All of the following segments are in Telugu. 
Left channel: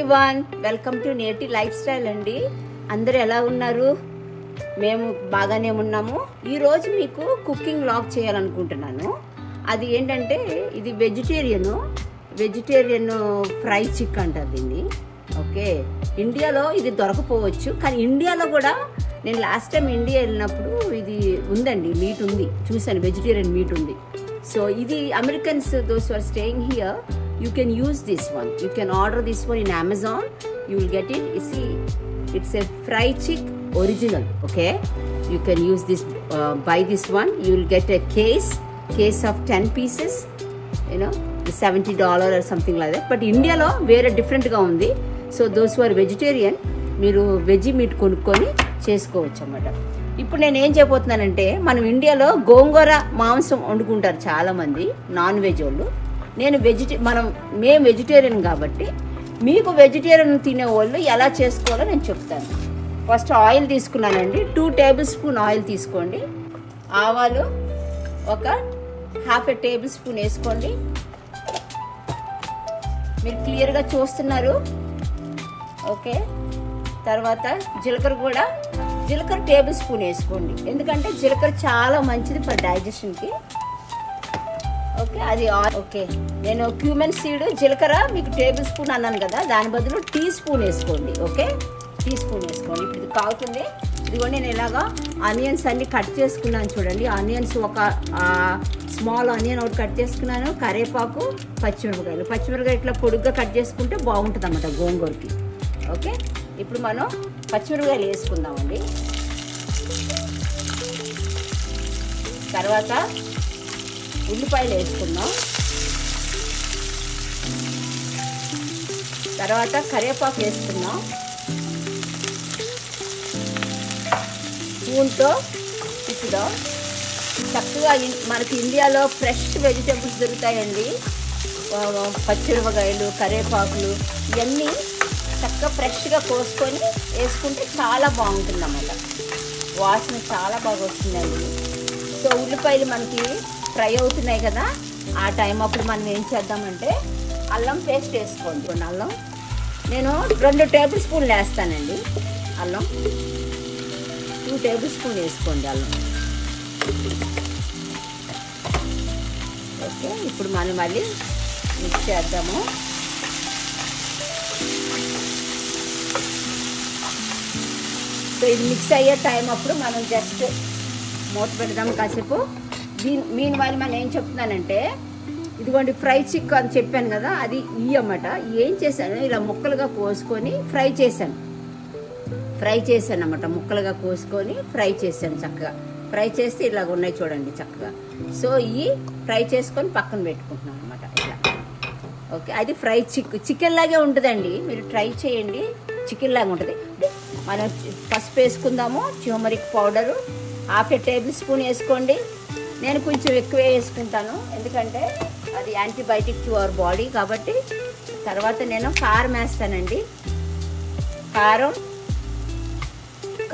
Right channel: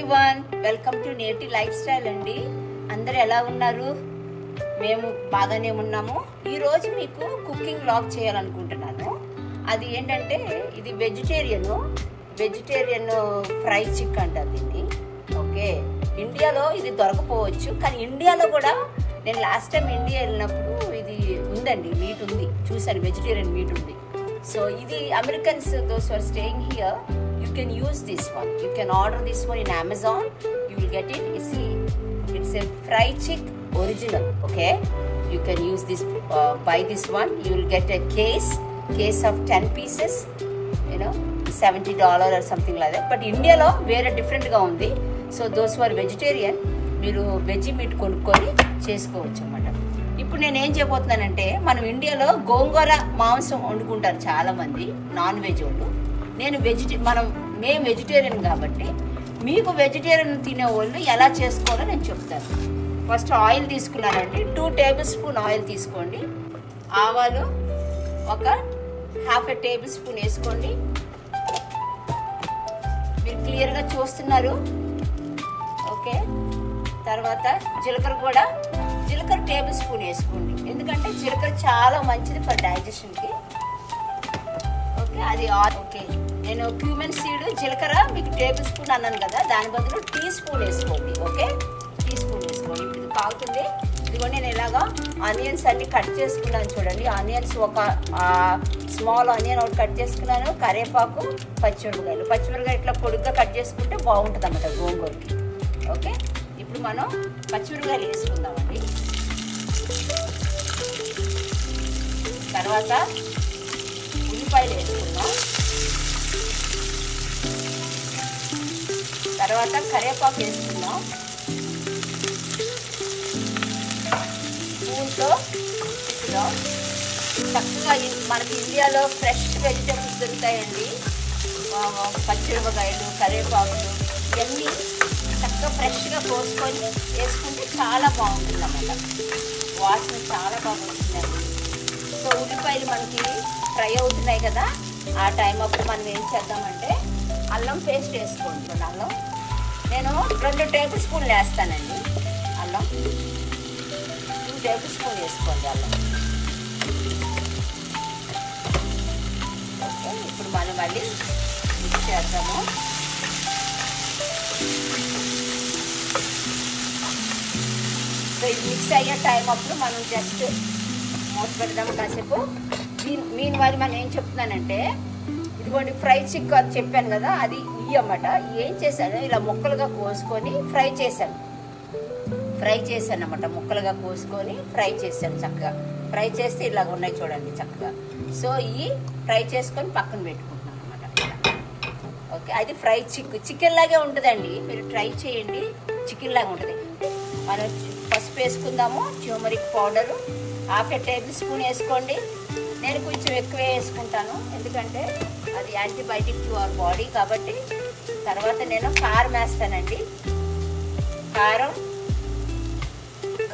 ఎవ్రీవన్, వెల్కమ్ టు నేటి లైఫ్ స్టైల్ అండి. అందరూ ఎలా ఉన్నారు? మేము బాగానే ఉన్నాము. ఈరోజు మీకు కుకింగ్ వ్లాగ్ చేయాలనుకుంటున్నాను. అది ఏంటంటే ఇది వెజిటేరియన్ ఫ్రై చికెన్ అంటారు దీన్ని. ఓకే, ఇండియాలో ఇది దొరకపోవచ్చు, కానీ ఇండియాలో కూడా నేను లాస్ట్ టైం ఇండియా వెళ్ళినప్పుడు ఇది ఉందండి, మీట్ ఉంది, చూసాను, వెజిటేరియన్ మీట్ ఉంది. సో ఇది Americans those are staying here, you can use this one. You can order this one in Amazon. You will get it. You see, it's a fried chick original. Okay, you can use this, buy this one. You will get a case of 10 pieces, you know, $70 or something like that. But India lo very different ga undi. So those who are vegetarian, మీరు వెజ్ మీట్ కొనుక్కొని చేసుకోవచ్చు అన్నమాట. ఇప్పుడు నేను ఏం చెప్పబోతున్నానంటే, మనం ఇండియాలో గోంగూర మాంసం వండుకుంటారు చాలామంది నాన్ వెజ్ వాళ్ళు. మేము వెజిటేరియన్ కాబట్టి మీకు వెజిటేరియన్ తినే వాళ్ళు ఎలా చేసుకోవాలో నేను చెప్తాను. ఫస్ట్ ఆయిల్ తీసుకున్నానండి, 2 టేబుల్ స్పూన్ ఆయిల్ తీసుకోండి. ఆవాలు ఒక ½ టేబుల్ స్పూన్ వేసుకోండి. మీరు క్లియర్గా చూస్తున్నారు. ఓకే, తర్వాత జీలకర్ర టేబుల్ స్పూన్ వేసుకోండి, ఎందుకంటే జీలకర్ర చాలా మంచిది ఫర్ డైజెషన్కి. ఓకే, అది ఓకే. నేను క్యూమెన్ సీడ్ జీలకర్ర మీకు టేబుల్ స్పూన్ అన్నాను కదా, దాని బదులు టీ స్పూన్ వేసుకోండి. ఓకే, టీ స్పూన్ వేసుకోండి. ఇప్పుడు ఇది కాగుతుంది. ఇదిగోండి, నేను ఇలాగా ఆనియన్స్ అన్ని కట్ చేసుకున్నాను చూడండి. ఆనియన్స్ ఒక స్మాల్ ఆనియన్ ఒకటి కట్ చేసుకున్నాను. కరివేపాకు, పచ్చిమిరపకాయలు ఇట్లా పొడుగ్గా కట్ చేసుకుంటే బాగుంటుంది అన్నమాట గోంగూరకి. ఓకే, ఇప్పుడు మనం పచ్చిమిరపకాయలు వేసుకుందామండి. తర్వాత ఉల్లిపాయలు వేసుకుందాం. తర్వాత కరివేపాకు వేసుకుందాం. స్పూన్తో ఇప్పుడు చక్కగా మనకి ఇండియాలో ఫ్రెష్ వెజిటేబుల్స్ దొరుకుతాయండి. పచ్చిమిరపకాయలు, కరివేపాకులు ఇవన్నీ చక్కగా ఫ్రెష్గా కోసుకొని వేసుకుంటే చాలా బాగుంటుంది అన్నమాట. వాసన చాలా బాగా వస్తుందండి. సో ఉల్లిపాయలు మనకి ఫ్రై అవుతున్నాయి కదా, ఆ టైం అప్పుడు మనం ఏం చేద్దామంటే అల్లం పేస్ట్ వేసుకోండి. అల్లం నేను 2 టేబుల్ స్పూన్లు వేస్తానండి. అల్లం 2 టేబుల్ స్పూన్ వేసుకోండి అల్లం. ఓకే, ఇప్పుడు మనం మళ్ళీ మిక్స్ చేద్దాము. సో ఇది మిక్స్ అయ్యే టైం అప్పుడు మనం జస్ట్ మూత పెడదాం కాసేపు. మీన్ వాళ్ళు మనం ఏం చెప్తున్నానంటే, ఇదిగోండి ఫ్రై చిక్ అని చెప్పాను కదా, అది అన్నమాట. ఏం చేశాను, ఇలా ముక్కలుగా కోసుకొని ఫ్రై చేశాను అన్నమాట. ముక్కలుగా కోసుకొని ఫ్రై చేశాను. చక్కగా ఫ్రై చేస్తే ఇలాగ ఉన్నాయి చూడండి చక్కగా. సో ఇవి ఫ్రై చేసుకొని పక్కన పెట్టుకుంటున్నాను అన్నమాట. ఓకే, అది ఫ్రై చికెన్ లాగే ఉంటుందండి, మీరు ట్రై చేయండి. చికెన్ లాగా ఉంటుంది. మనం పసుపు వేసుకుందాము, ట్యూమరిక్ పౌడరు ½ టేబుల్ స్పూన్ వేసుకోండి. నేను కొంచెం ఎక్కువే వేసుకుంటాను, ఎందుకంటే అది యాంటీబయాటిక్ టు అవర్ బాడీ కాబట్టి. తర్వాత నేను కారం వేస్తానండి.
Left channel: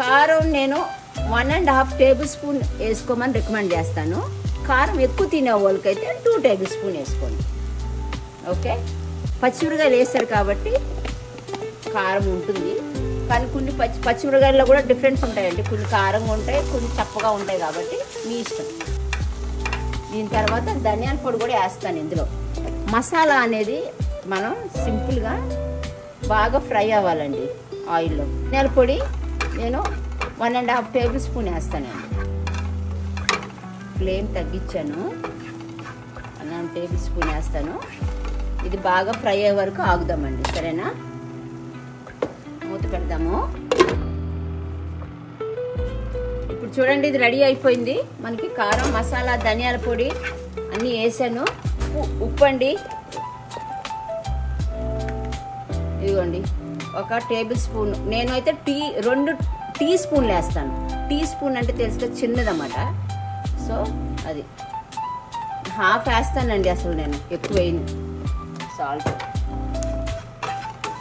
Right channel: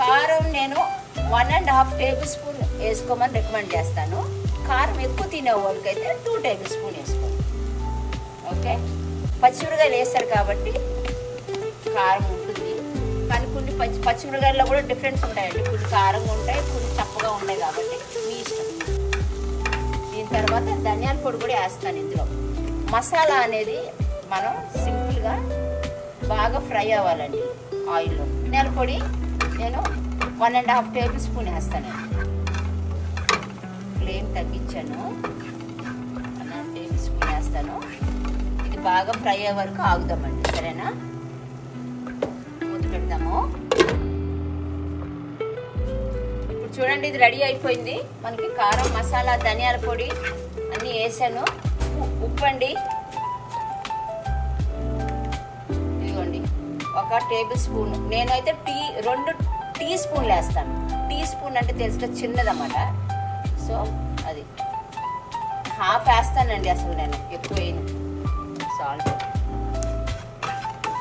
కారం నేను 1½ టేబుల్ స్పూన్ వేసుకోమని రికమెండ్ చేస్తాను. కారం ఎక్కువ తినే వాళ్ళకైతే 2 టేబుల్ స్పూన్ వేసుకోండి. ఓకే, పచ్చిమిరకాయలు వేస్తారు కాబట్టి కారం ఉంటుంది, కానీ కొన్ని పచ్చిమిరకాయల్లో కూడా డిఫరెన్స్ ఉంటాయండి. కొన్ని కారంగా ఉంటాయి, కొన్ని చప్పగా ఉంటాయి, కాబట్టి మీ ఇష్టం. దీని తర్వాత ధనియాల పొడి కూడా వేస్తాను ఇందులో. మసాలా అనేది మనం సింపుల్గా బాగా ఫ్రై అవ్వాలండి ఆయిల్లో. ధనియాల పొడి నేను 1½ టేబుల్ స్పూన్ వేస్తాను. ఫ్లేమ్ తగ్గించాను, 1½ టేబుల్ స్పూన్ వేస్తాను. ఇది బాగా ఫ్రై అయ్యే వరకు ఆగుదామండి, సరేనా? మూత పెడతాము. ఇప్పుడు చూడండి, ఇది రెడీ అయిపోయింది. మనకి కారం, మసాలా, ధనియాల పొడి అన్నీ వేసాను. ఉప్పు అండి, ఇదిగోండి 1 టేబుల్ స్పూన్. నేనైతే 2 టీ స్పూన్లు వేస్తాను. టీ స్పూన్ అంటే తెలుసుగా, చిన్నదన్నమాట. సో అది ½ వేస్తానండి, అసలు నేను ఎక్కువ వేయను.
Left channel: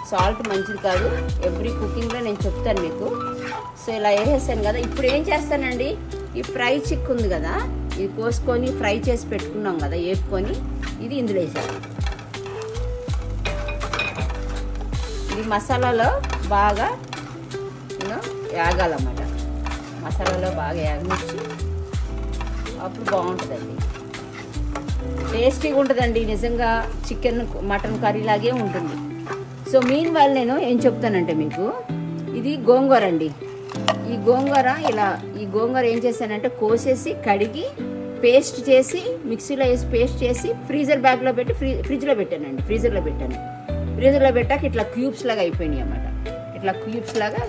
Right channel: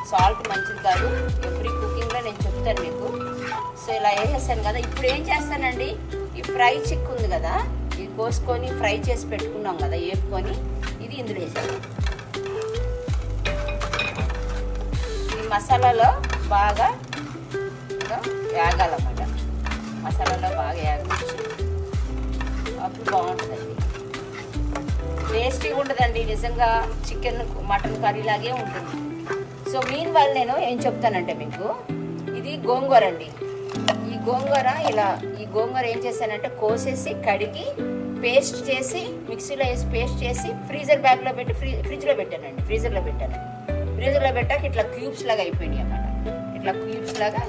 సాల్ట్ మంచిది కాదు, ఎవ్రీ కుకింగ్లో నేను చెప్తాను మీకు. సో ఇలా వేసేసాను కదా. ఇప్పుడు ఏం చేస్తానండి, ఈ ఫ్రై చిక్ ఉంది కదా, ఇది కోసుకొని ఫ్రై చేసి పెట్టుకున్నాం కదా, వేపుకొని ఇది ఇందులో వేసాను. ఇది మసాలాలో బాగా వేగాలన్నమాట. మసాలాలో బాగా వేగనిచ్చి అప్పుడు బాగుంటుందండి, టేస్టీగా ఉంటుందండి. నిజంగా చికెన్ మటన్ కర్రీ లాగే ఉంటుంది. సో మీన్ వాళ్ళు నేను ఏం చెప్తానంటే మీకు, ఇది గోంగూర అండి. ఈ గోంగూర ఏం చేశానంటే కోసేసి కడిగి పేస్ట్ చేసి మిక్సీలో వేసి పేస్ట్ చేసి ఫ్రీజర్ బ్యాగ్లో పెట్టి ఫ్రిడ్జ్లో పెట్టానండి. ఫ్రీజర్లో పెట్టాక ఇట్లా క్యూబ్స్ లాగా అయిపోయినాయి అన్నమాట. ఇట్లా క్యూబ్స్ లాగా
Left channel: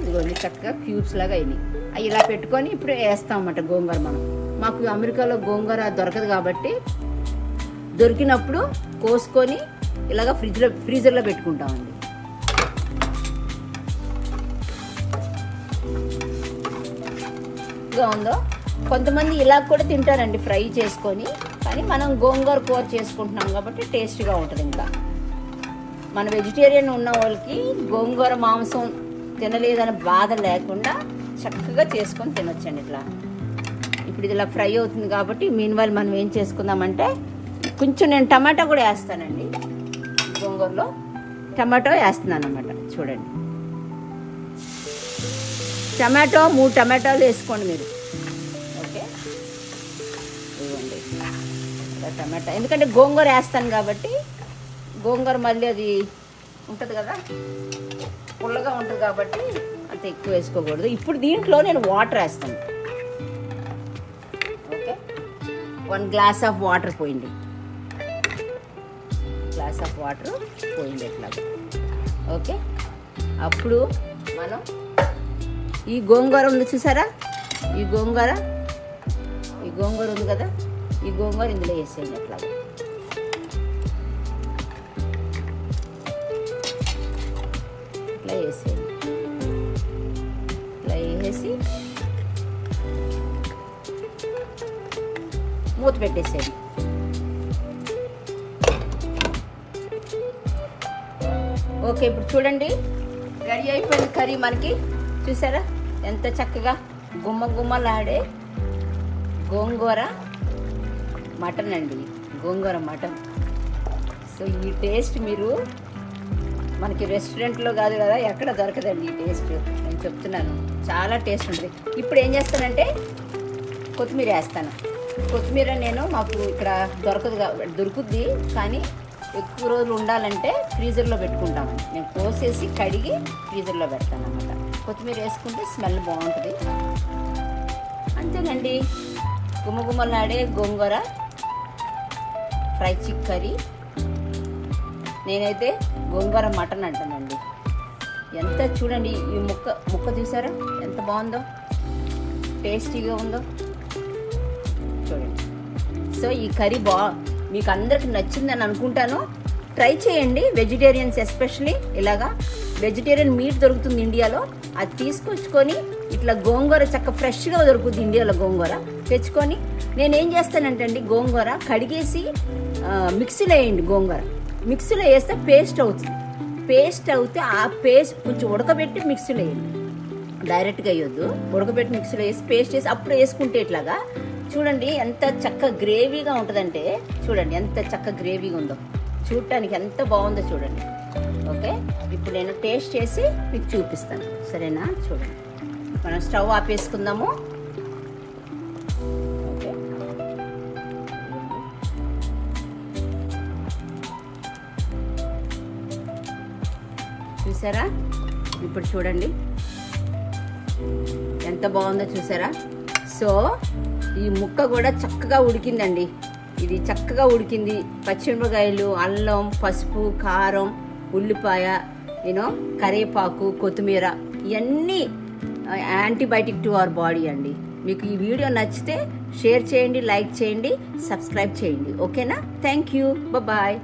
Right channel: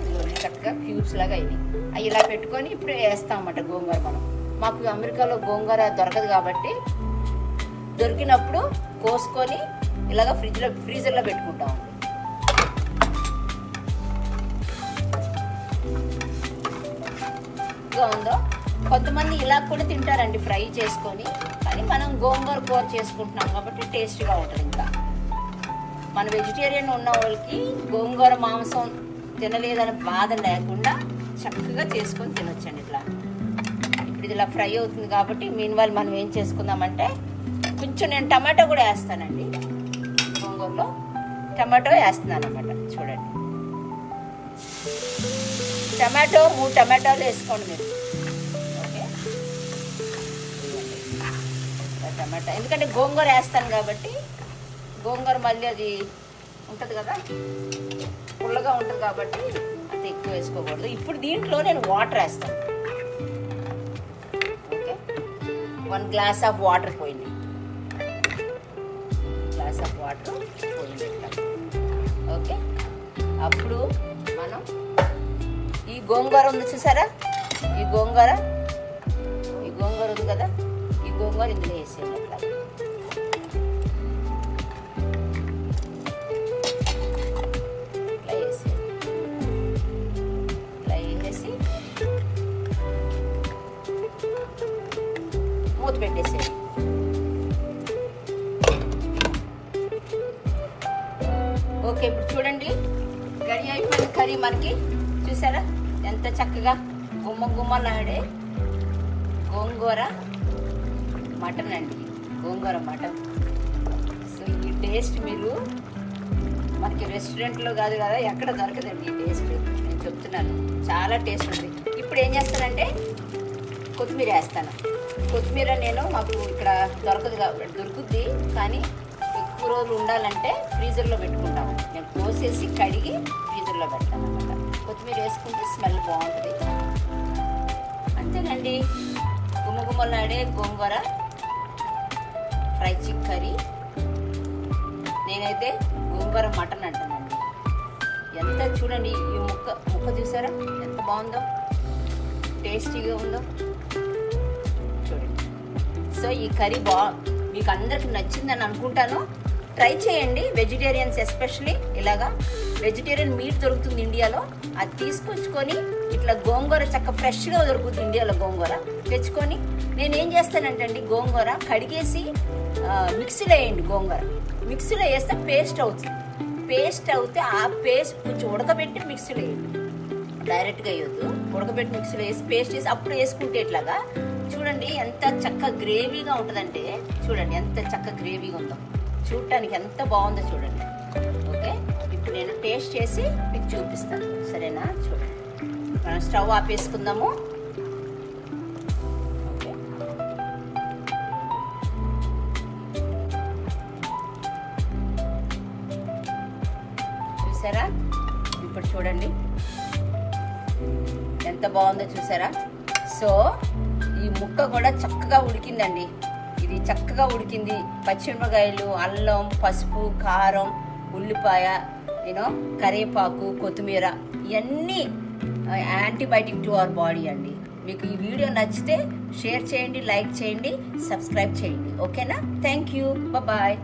చక్కగా క్యూబ్స్ లాగా అయినాయి. అవి ఇలా పెట్టుకొని ఇప్పుడు వేస్తాం అన్నమాట గోంగూర. మాకు అమెరికాలో గోంగూర దొరకదు కాబట్టి దొరికినప్పుడు కోసుకొని ఇలాగ ఫ్రీజర్లో పెట్టుకుంటామండి. ఉందో కొంతమంది ఇలా కూడా తింటారండి ఫ్రై చేసుకొని, కానీ మనం గోంగూర కూర చేసుకుంటున్నాం కాబట్టి టేస్ట్గా ఉంటుంది. ఇంకా మన వెజిటేరియన్ ఉన్న వాళ్ళకి గోంగూర మాంసం తినలేదని బాధ లేకుండా చక్కగా చేసుకొని తినొచ్చండి. ఇట్లా ఇప్పుడు ఇది ఇలా ఫ్రై అవుతుంది కాబట్టి మీన్వైల్ మనం ఏం చేసుకుందామంటే కొంచెం నేను టమాటా కూడా వేస్తానండి. గోంగూరలో టమాటో వేస్తున్నాను అన్నమాట. చూడండి, టమాటో 3 టమాటాలు వేసుకోండి మీరు. ఓకే, టమాటా ఎందుకంటే గోంగూర వేస్తాను కాబట్టి, గోంగూర మళ్ళీ అది ఉంటుంది కదా, పుల్లగా ఉంటుంది కాబట్టి అంత ఎక్కువ వేసుకోకూడదు. ఇప్పుడు దీంట్లో నేను వాటర్ వేస్తాను. ఓకే, 1 గ్లాస్ ఆఫ్ వాటర్ పోయింది. ఓకే, అప్పుడు మనం ఈ గోంగూర ఉంది చూసారా, ఈ గోంగూర ఉంది కదా, ఈ గోంగూర ఇందులో వేసేయండి. ఇట్లా వేసేసి మూత పెట్టేసేయండి. ఓకే, ఇప్పుడు చూడండి రెడీ అయిపోయిన కర్రీ మనకి. చూసారా ఎంత చక్కగా గుమ్మలాడే గోంగూర మటన్ అండి, గోంగూర మటన్. సో ఈ టేస్ట్ మీరు మనకి రెస్టారెంట్లో కాదు కదా, ఎక్కడ దొరకదండి ఈ టేస్ట్. నేను చెప్తున్నాను, చాలా టేస్ట్ ఉంది. ఇప్పుడు ఏం చేస్తానంటే కొత్తిమీర వేస్తాను. కొత్తిమీర నేను మాకు ఇక్కడ దొరుకుద్ది, కానీ ఎక్కువ రోజులు ఉండాలంటే ఫ్రీజర్లో పెట్టుకుంటాము. నేను కోసేసి కడిగి ఫ్రీజర్లో పెడతాను అన్నమాట. కొత్తిమీర వేసుకుంటే స్మెల్ బాగుంటుంది. అంతేనండి, గుమ్మలాడే గోంగూర ఫ్రై చికెన్ కర్రీ. నేనైతే గోంగూర మటన్ అంటానండి. ఎంత చూడండి, ఈ ముక్క చూసారా ఎంత బాగుందో, టేస్టీగా ఉందో చూడండి. సో ఈ కర్రీ మీకు అందరికి నచ్చిందని అనుకుంటాను. ట్రై చేయండి, వెజిటేరియన్స్ ఎస్పెషలీ. ఇలాగా వెజిటేరియన్ మీట్ దొరుకుతుంది ఇండియాలో, అది తీసుకొచ్చుకొని ఇట్లా గోంగూర చక్క ఫ్రెష్గా దొరుకుతుంది ఇండియాలో. గోంగూర తెచ్చుకొని నేనేం చేస్తానంటే అండి, గోంగూర కడిగేసి మిక్సీలో వేయండి. గోంగూర మిక్సీలో వేస్తే పేస్ట్ అవుతుంది. పేస్ట్ అవుతే ఆ పేస్ట్ కొంచెం ఉడకబెట్టి మిక్సీలో వేయండి, డైరెక్ట్గా వేయొద్దు. ఉడకబెట్టి మిక్సీలో వేసి పేస్ట్ చేసి అప్పుడు వేసుకుంటే ఇట్లాగా చూడండి ఎంత చక్క గ్రేవీగా ఉంటుందంటే, చూడండి ఎంత చక్క గ్రేవీగా ఉందో, చూడటానికి ఎంత బాగుందో చూడండి. ఓకే, ఇప్పుడు నేను టేస్ట్ చేసి మీకు చూపిస్తాను, సరేనా? చూడండి, మనం స్టవ్ ఆపేసుకుందాము. ఓకే, చూసారా? ఇప్పుడు చూడండి ఎంత బాగుందో చూసారా? సో ఈ ముక్క కూడా చక్కగా ఉడికిందండి. ఇది చక్కగా ఉడికింది. పచ్చిమిరపకాయలు, అల్లం, పసుపు, కారం, ఉల్లిపాయ, కరివేపాకు, కొత్తిమీర, ఇవన్నీ యాంటీబయాటిక్ టు అవర్ బాడీ అండి. మీకు ఈ వీడియో నచ్చితే షేర్ చేయండి, లైక్ చేయండి, సబ్స్క్రైబ్ చేయండి. ఓకేనా? Thank you, bye.